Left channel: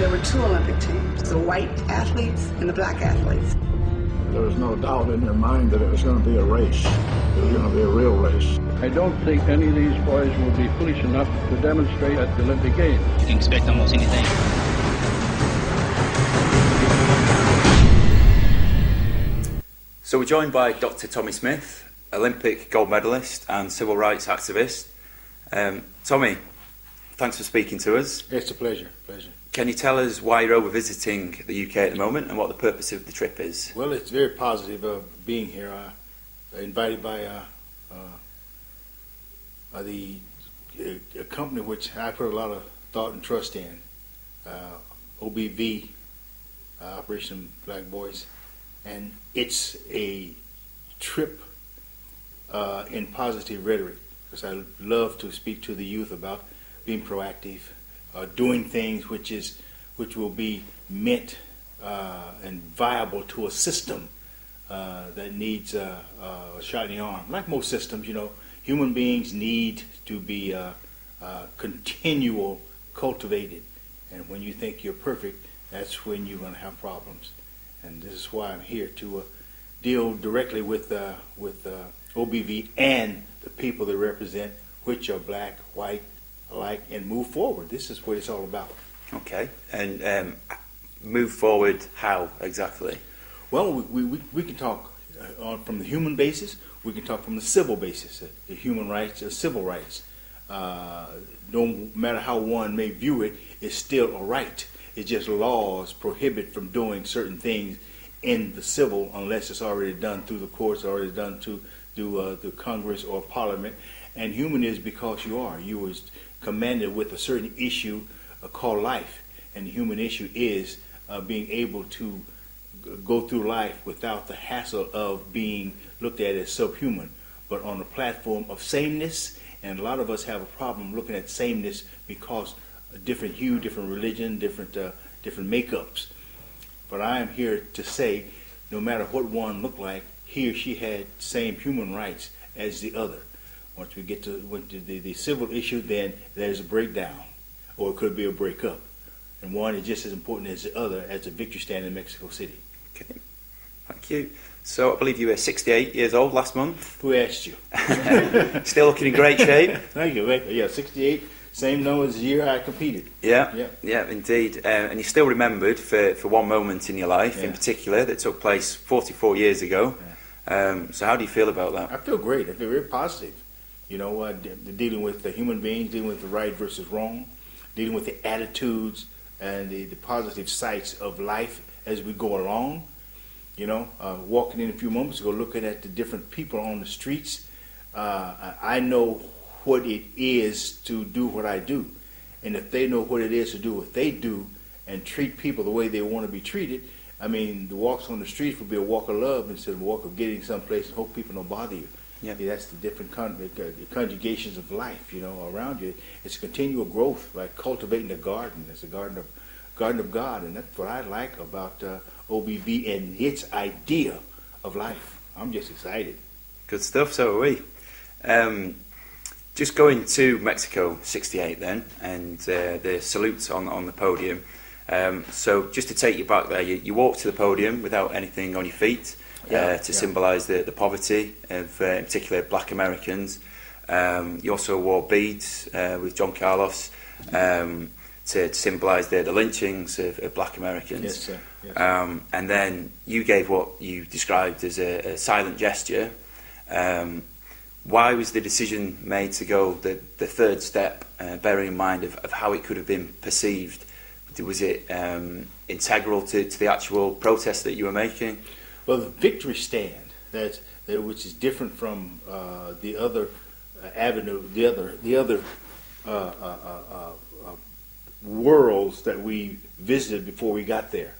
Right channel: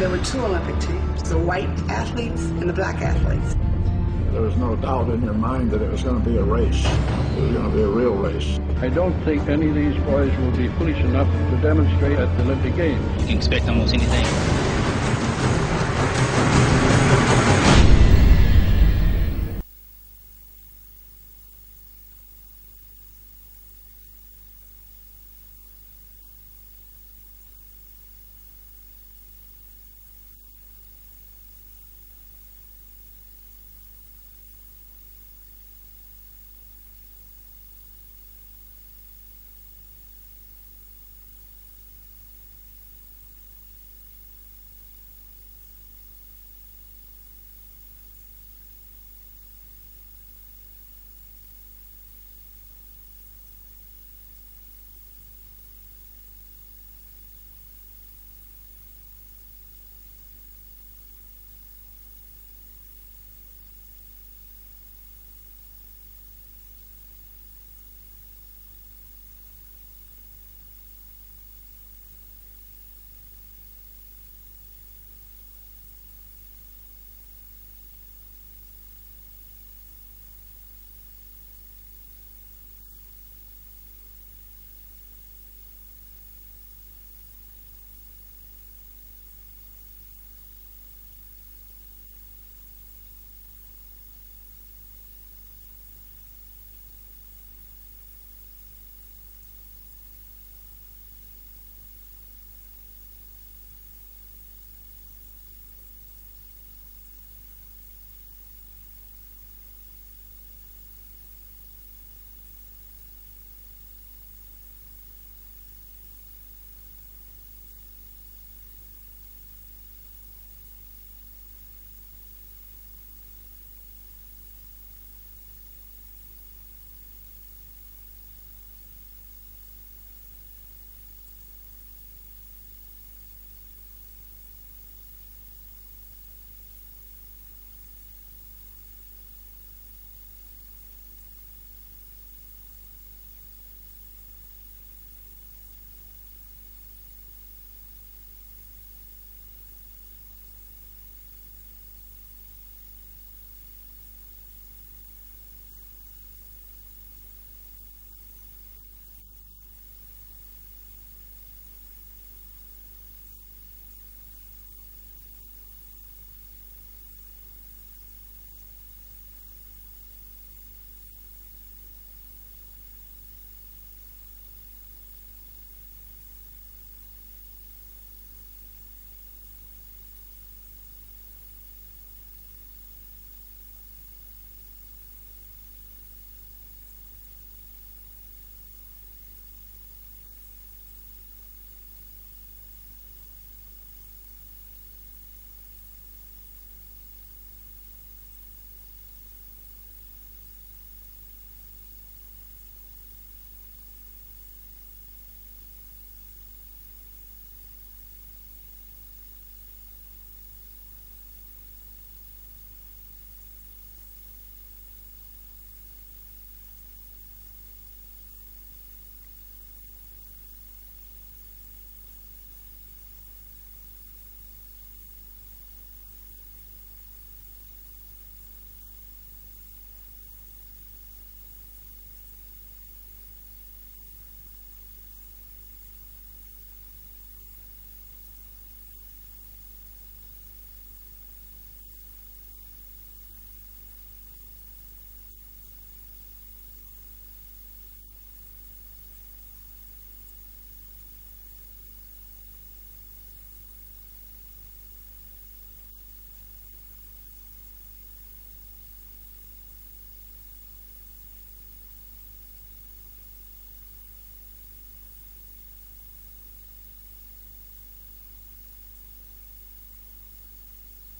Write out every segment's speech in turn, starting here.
There were two Olympic teams, the white athletes and the black athletes. There was no doubt in your mind that it was going to be a race. It was going to be a real race. I don't think any of these boys will be foolish enough to demonstrate at the Olympic Games. You can expect almost anything. So we're joined by Dr Tommie Smith, Olympic gold medalist and civil rights activist. Tommy, thanks for speaking to us. It's a pleasure. Can you tell us why you're over visiting the UK at the moment and what the purpose of the trip is? Well, it's very positive being here. Invited by a company which I put a lot of thought and trust in, OBV, Operation Black Boys, and it's a trip in positive rhetoric, because I love to speak to the youth about being proactive, doing things which will be meant and viable to a system that needs a shot in the arm. Like most systems, human beings need to be continual cultivated, and when you think you're perfect, that's when you're going to have problems. And this is why I'm here to deal directly with OBV and the people they represent, which are black, white, alike, and move forward. This is what it's all about. Okay, and move forward how exactly? Well, we can talk from the human basis. We can talk from the civil basis, the human rights, civil rights. No matter how one may view it, it's still a right. It's just laws prohibit from doing certain things in the civil unless it's already done through the courts, already done through the Congress or Parliament. And human is because you was commanded with a certain issue called life, and the human issue is being able to go through life without the hassle of being looked at as subhuman, but on a platform of sameness. And a lot of us have a problem looking at sameness because different hue, different religion, different makeups. But I am here to say, no matter what one looked like, he or she had same human rights as the other. Once we get to the civil issue, then there's a breakdown, or it could be a breakup. And one is just as important as the other as the victory stand in Mexico City. Okay, thank you. So I believe you were 68 years old last month. Who asked you? Still looking in great shape. Thank you. Yeah, 68, same number as the year I competed. Yeah, indeed. And you're still remembered for one moment in your life in particular that took place 44 years ago. Yeah. So how do you feel about that? I feel great. I feel very positive. Dealing with the human beings, dealing with the right versus wrong, dealing with the attitudes and the positive sides of life as we go along. Walking in a few moments ago, looking at the different people on the streets, I know what it is to do what I do. And if they know what it is to do what they do and treat people the way they want to be treated, I mean, the walks on the streets would be a walk of love instead of a walk of getting someplace and hope people don't bother you. Yeah. That's the different conjugations of life, around you. It's continual growth, like cultivating a garden. It's a garden of God, and that's what I like about OBV and its idea of life. I'm just excited. Good stuff, so are we. Just going to Mexico 68 then, and the salute on the podium. So just to take you back there, you walked to the podium without anything on your feet to symbolise the poverty of, in particular, black Americans. You also wore beads with John Carlos to symbolise the lynchings of black Americans. Yes, sir. Yes. And then you gave what you described as a silent gesture. Why was the decision made to go the third step, bearing in mind of how it could have been perceived? Was it integral to the actual protest that you were making? Well, the victory stand, which is different from the other avenue, the other worlds that we visited before we got there.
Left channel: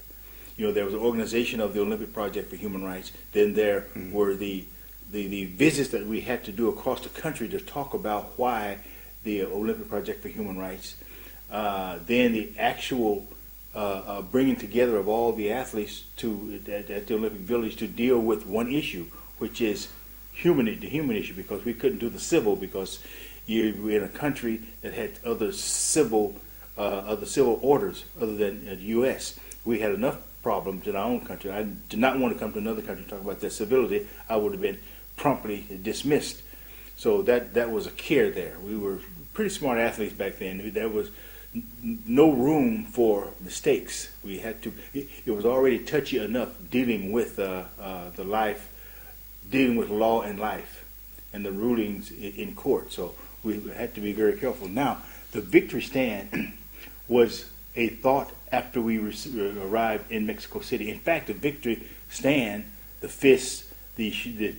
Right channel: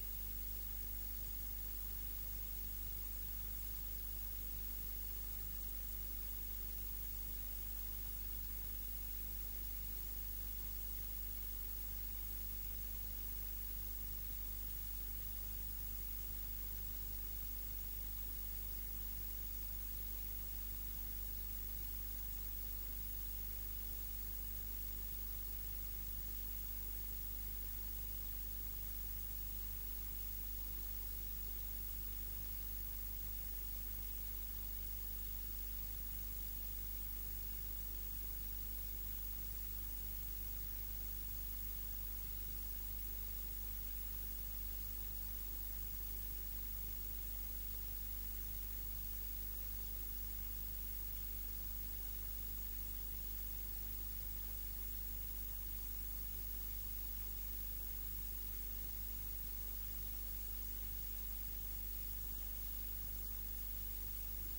There was an organization of the Olympic Project for Human Rights. Then there were the visits that we had to do across the country to talk about why the Olympic Project for Human Rights. Then the actual bringing together of all the athletes at the Olympic Village to deal with one issue, which is the human issue, because we couldn't do the civil because we're in a country that had other civil of the civil orders other than the U.S. We had enough problems in our own country. I did not want to come to another country to talk about their civility. I would have been promptly dismissed. So that was a care there. We were pretty smart athletes back then. There was no room for mistakes. We had to. It was already touchy enough dealing with the life, dealing with law and life, and the rulings in court. So we had to be very careful. Now, the victory stand was a thought after we arrived in Mexico City. In fact, the victory stand, the fists, the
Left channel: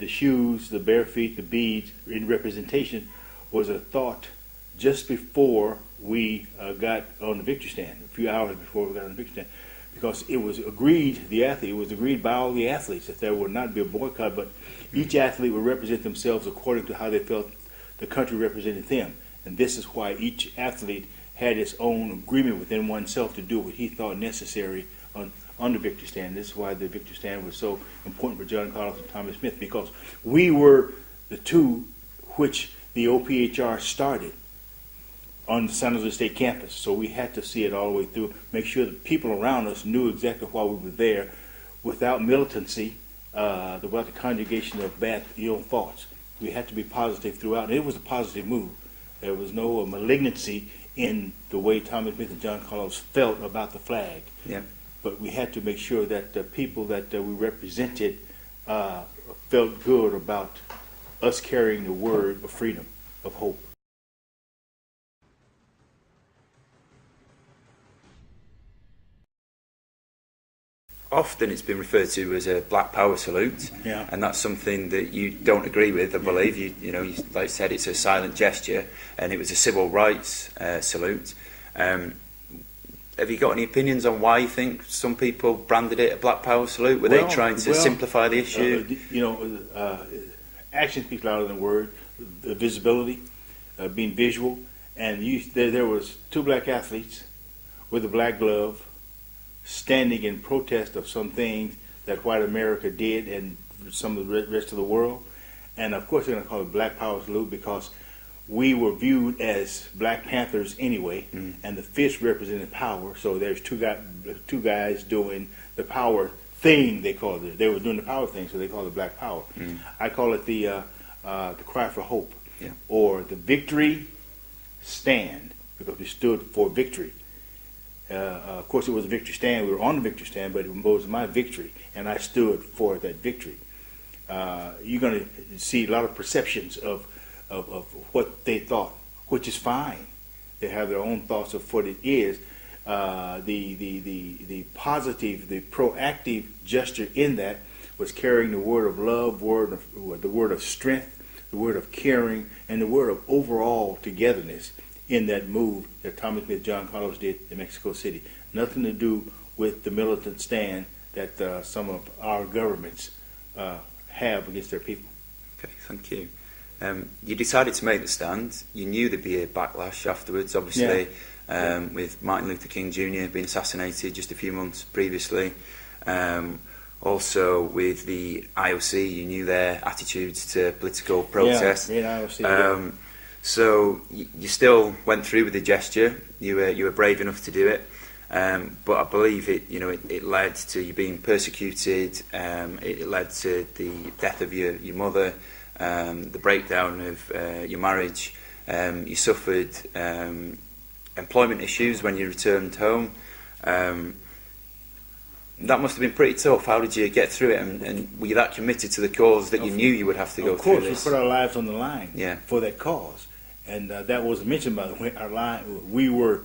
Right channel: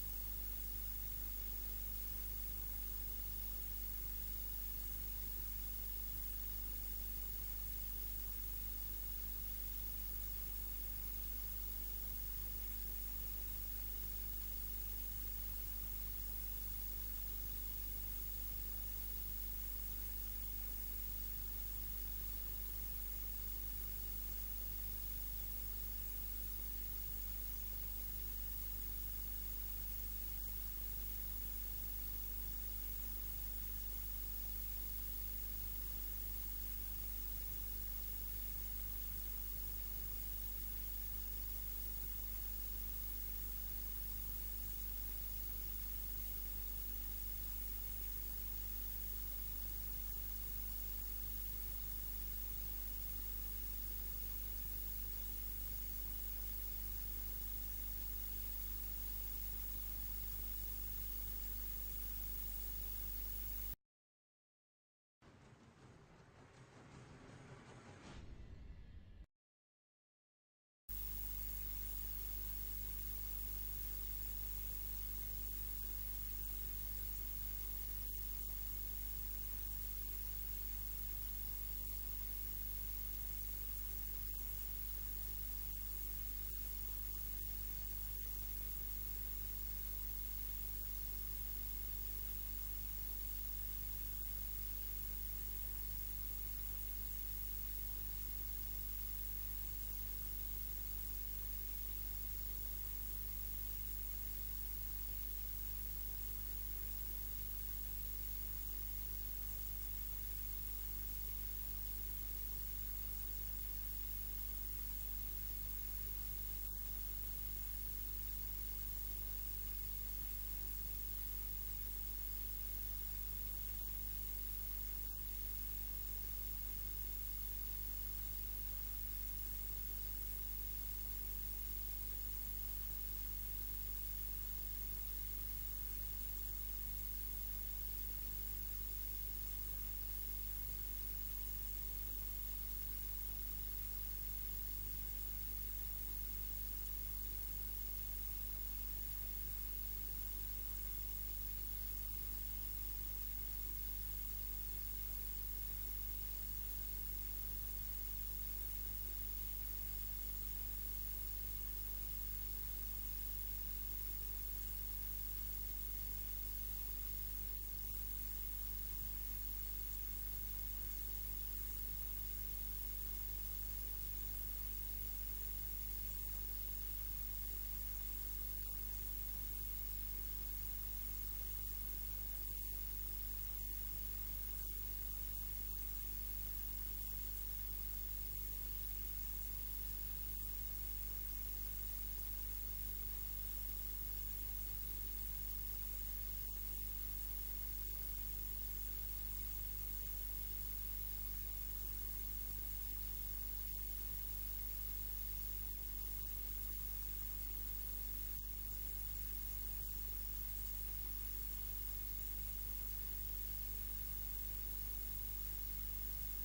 shoes, the bare feet, the beads in representation, was a thought just before we got on the victory stand, a few hours before we got on the victory stand, because it was agreed, it was agreed by all the athletes that there would not be a boycott, but each athlete would represent themselves according to how they felt the country represented them. And this is why each athlete had its own agreement within oneself to do what he thought necessary on the victory stand. This is why the victory stand was so important for John Carlos and Tommie Smith, because we were the two which the OPHR started on the San Jose State campus. So we had to see it all the way through, make sure the people around us knew exactly why we were there, without militancy, without the conjugation of bad, ill thoughts. We had to be positive throughout, and it was a positive move. There was no malignancy in the way Tommie Smith and John Carlos felt about the flag. Yeah. But we had to make sure that the people that we represented felt good about us carrying the word of freedom, of hope. Often it's been referred to as a Black Power salute, Yeah. and that's something that you don't agree with, I believe. You know, like I said, it's a silent gesture, and it was a civil rights salute. Have you got any opinions on why you think some people branded it a Black Power salute? Were they trying to simplify the issue? Action speaks louder than words. The visibility, being visual, and there was two black athletes with a black glove, standing in protest of some things that white America did and some of the rest of the world. And of course they're going to call it Black Power salute because we were viewed as Black Panthers anyway, and the fist represented power. So there's two guys doing the power thing, they called it. They were doing the power thing, so they called it Black Power. I call it the cry for hope, or the victory stand, because we stood for victory. Of course, it was a victory stand. We were on the victory stand, but it was my victory, and I stood for that victory. You're going to see a lot of perceptions of what they thought, which is fine. They have their own thoughts of what it is. The positive, the proactive gesture in that was carrying the word of love, the word of strength, the word of caring, and the word of overall togetherness in that move that Tommie Smith, John Carlos did in Mexico City. Nothing to do with the militant stand that some of our governments have against their people. Okay, thank you. You decided to make the stand. You knew there'd be a backlash afterwards, obviously, with Martin Luther King Jr. being assassinated just a few months previously. Also with the IOC, you knew their attitudes to political protest. IOC, so you still went through with the gesture. You were brave enough to do it, but I believe it led to you being persecuted. It led to the death of your mother, the breakdown of your marriage. You suffered employment issues when you returned home. That must have been pretty tough. How did you get through it, and were you that committed to the cause that you knew you would have to go through this? Of course, we put our lives on the line for that cause. And that was mentioned by the way we were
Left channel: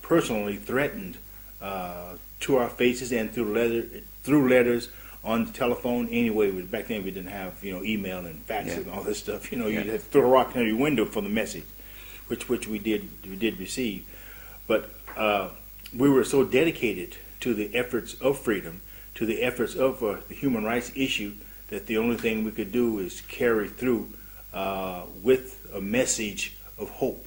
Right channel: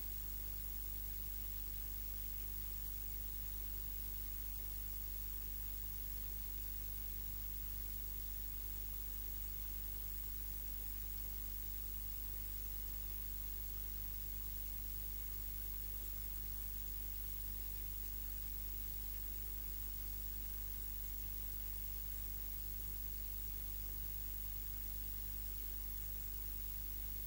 personally threatened to our faces and through letters on the telephone. Anyway, back then we didn't have email and faxes and all this stuff. You had to throw a rock in your window for the message, which we did receive. But we were so dedicated to the efforts of freedom, to the efforts of the human rights issue, that the only thing we could do is carry through with a message of hope,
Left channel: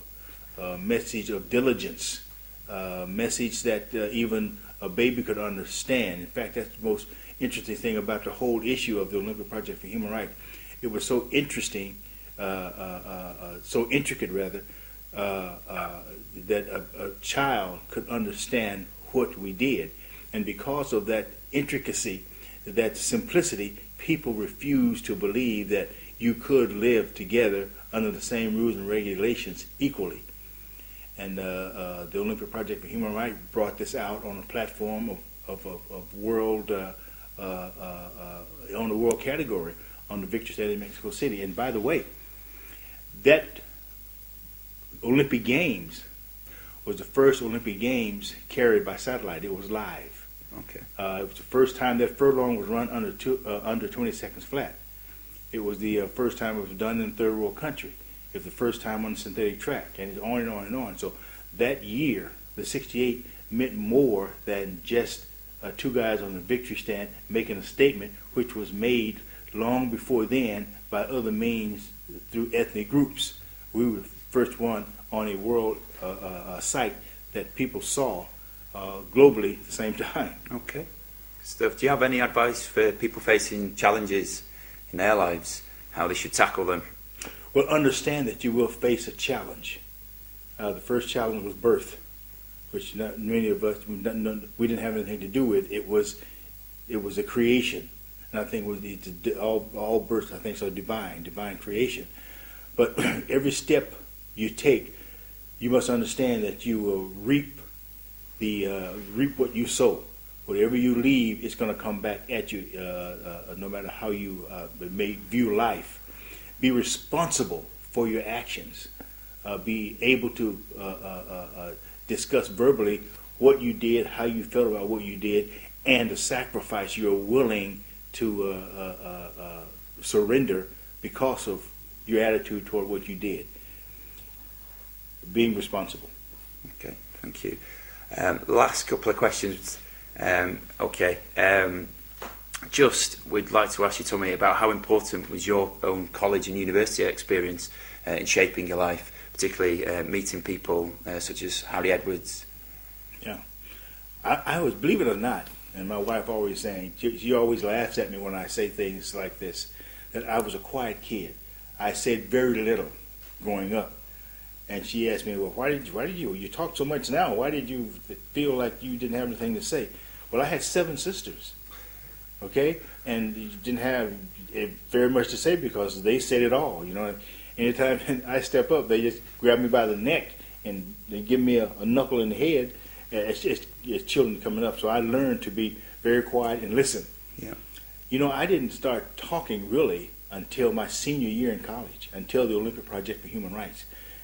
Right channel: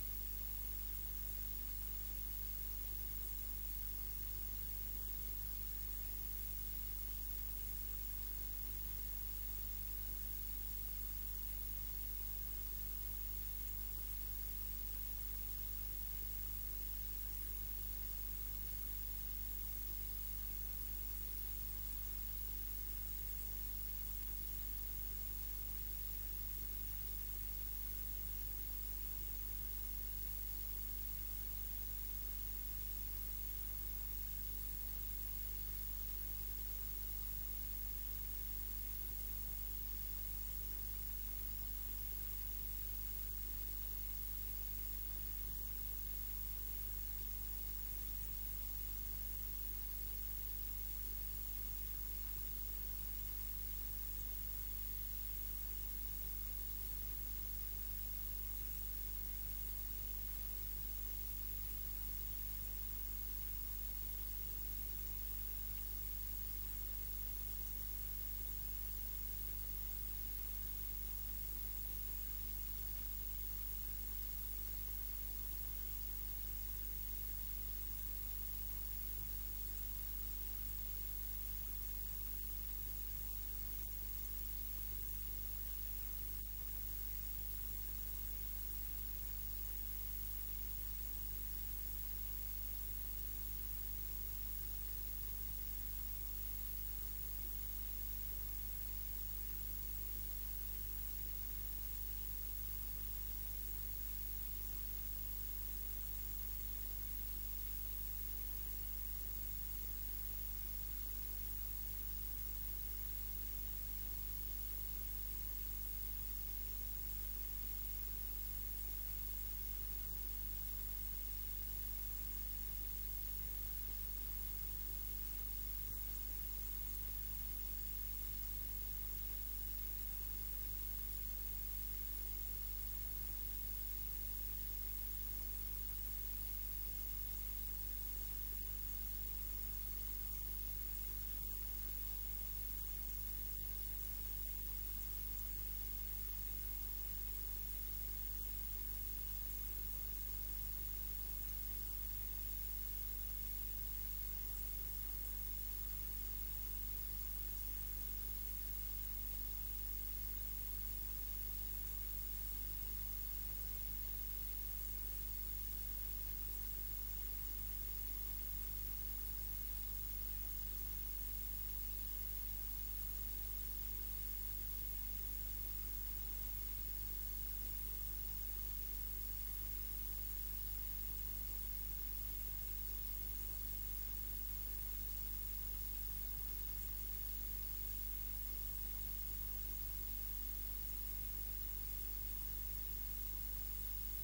a message of diligence, a message that even a baby could understand. In fact, that's the most interesting thing about the whole issue of the Olympic Project for Human Rights. It was so interesting, so intricate rather, that a child could understand what we did. And because of that intricacy, that simplicity, people refused to believe that you could live together under the same rules and regulations equally. And the Olympic Project for Human Rights brought this out on a platform of world, on the world category on the Victory Stand in Mexico City. And by the way, that Olympic Games was the first Olympic Games carried by satellite. It was live. Okay. It was the first time that furlong was run under 20 seconds flat. It was the first time it was done in a third world country. It was the first time on a synthetic track, and it's on and on and on. So that year, the 68 meant more than just two guys on the victory stand making a statement, which was made long before then by other means through ethnic groups. We were the first one on a world site that people saw globally at the same time. Okay. Stuff. Do you have any advice for people facing challenges in their lives, how they should tackle them? Well, understand that you will face a challenge. The first challenge was birth, which not many of us, we didn't have anything to do with. It was a creation. And I think all births, I think, are divine creation. But every step you take, you must understand that you will reap what you sow. Whatever you leave, it's going to come back at you, no matter how you may view life. Be responsible for your actions. Be able to discuss verbally what you did, how you felt about what you did, and the sacrifice you're willing to surrender because of your attitude toward what you did. Being responsible. Okay, thank you. Last couple of questions. Just we'd like to ask you, Tommie, about how important was your own college and university experience in shaping your life, particularly meeting people such as Harry Edwards. Yeah, I was, believe it or not, and my wife always saying, she always laughs at me when I say things like this, that I was a quiet kid. I said very little growing up. And she asked me, well, why did you talk so much now? Why did you feel like you didn't have anything to say? Well, I had 7 sisters, okay? And you didn't have very much to say because they said it all, you know. Anytime I step up, they just grab me by the neck and they give me a knuckle in the head. It's children coming up. So I learned to be very quiet and listen. Yeah. You know, I didn't start talking really until my senior year in college, until the Olympic Project for Human Rights.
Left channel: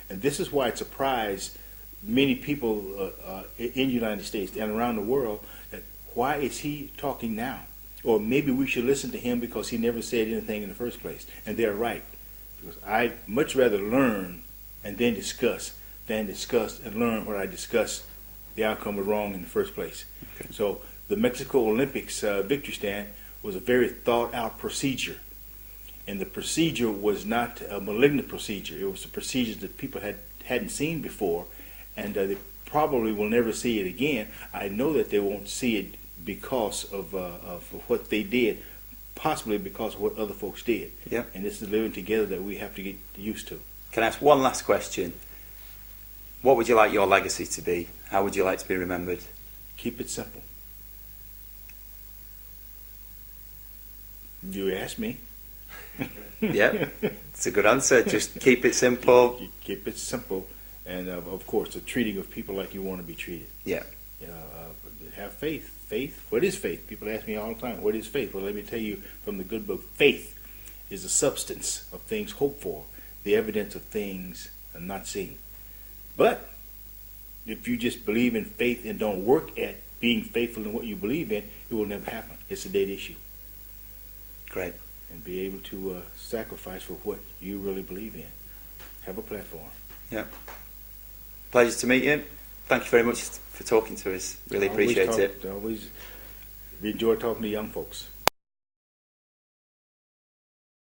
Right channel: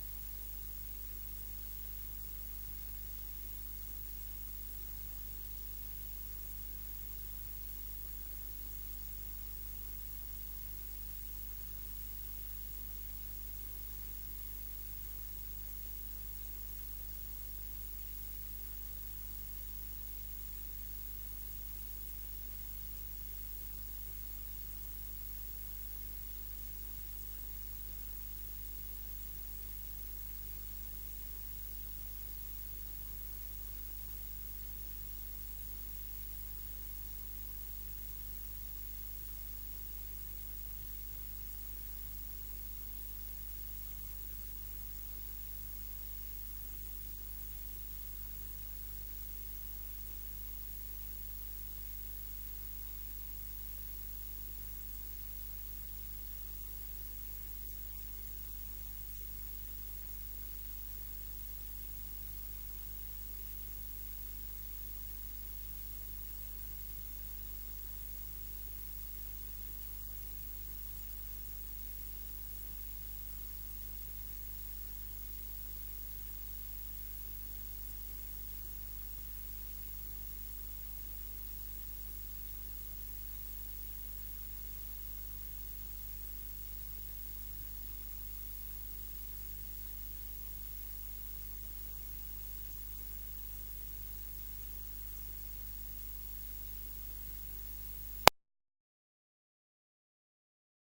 And this is why it surprised many people in the United States and around the world that why is he talking now? Or maybe we should listen to him because he never said anything in the first place. And they're right. Because I'd much rather learn and then discuss than discuss and learn what I discussed the outcome was wrong in the first place. Okay. So the Mexico Olympics victory stand was a very thought out procedure. And the procedure was not a malignant procedure. It was a procedure that people hadn't seen before, and they probably will never see it again. I know that they won't see it because of what they did, possibly because of what other folks did. Yeah. And this is living together that we have to get used to. Can I ask one last question? What would you like your legacy to be? How would you like to be remembered? Keep it simple. You ask me. Yeah, it's a good answer. Just keep it simple. Keep it simple, and of course, the treating of people like you want to be treated. Yeah. Have faith. Faith. What is faith? People ask me all the time, what is faith? Well, let me tell you from the good book. Faith is the substance of things hoped for, the evidence of things not seen. But if you just believe in faith and don't work at being faithful in what you believe in, it will never happen. It's a dead issue. Great. And be able to sacrifice for what you really believe in. Have a platform. Yeah. Pleasure to meet you. Thank you very much for talking to us. Really appreciate it. Always enjoy talking to young folks.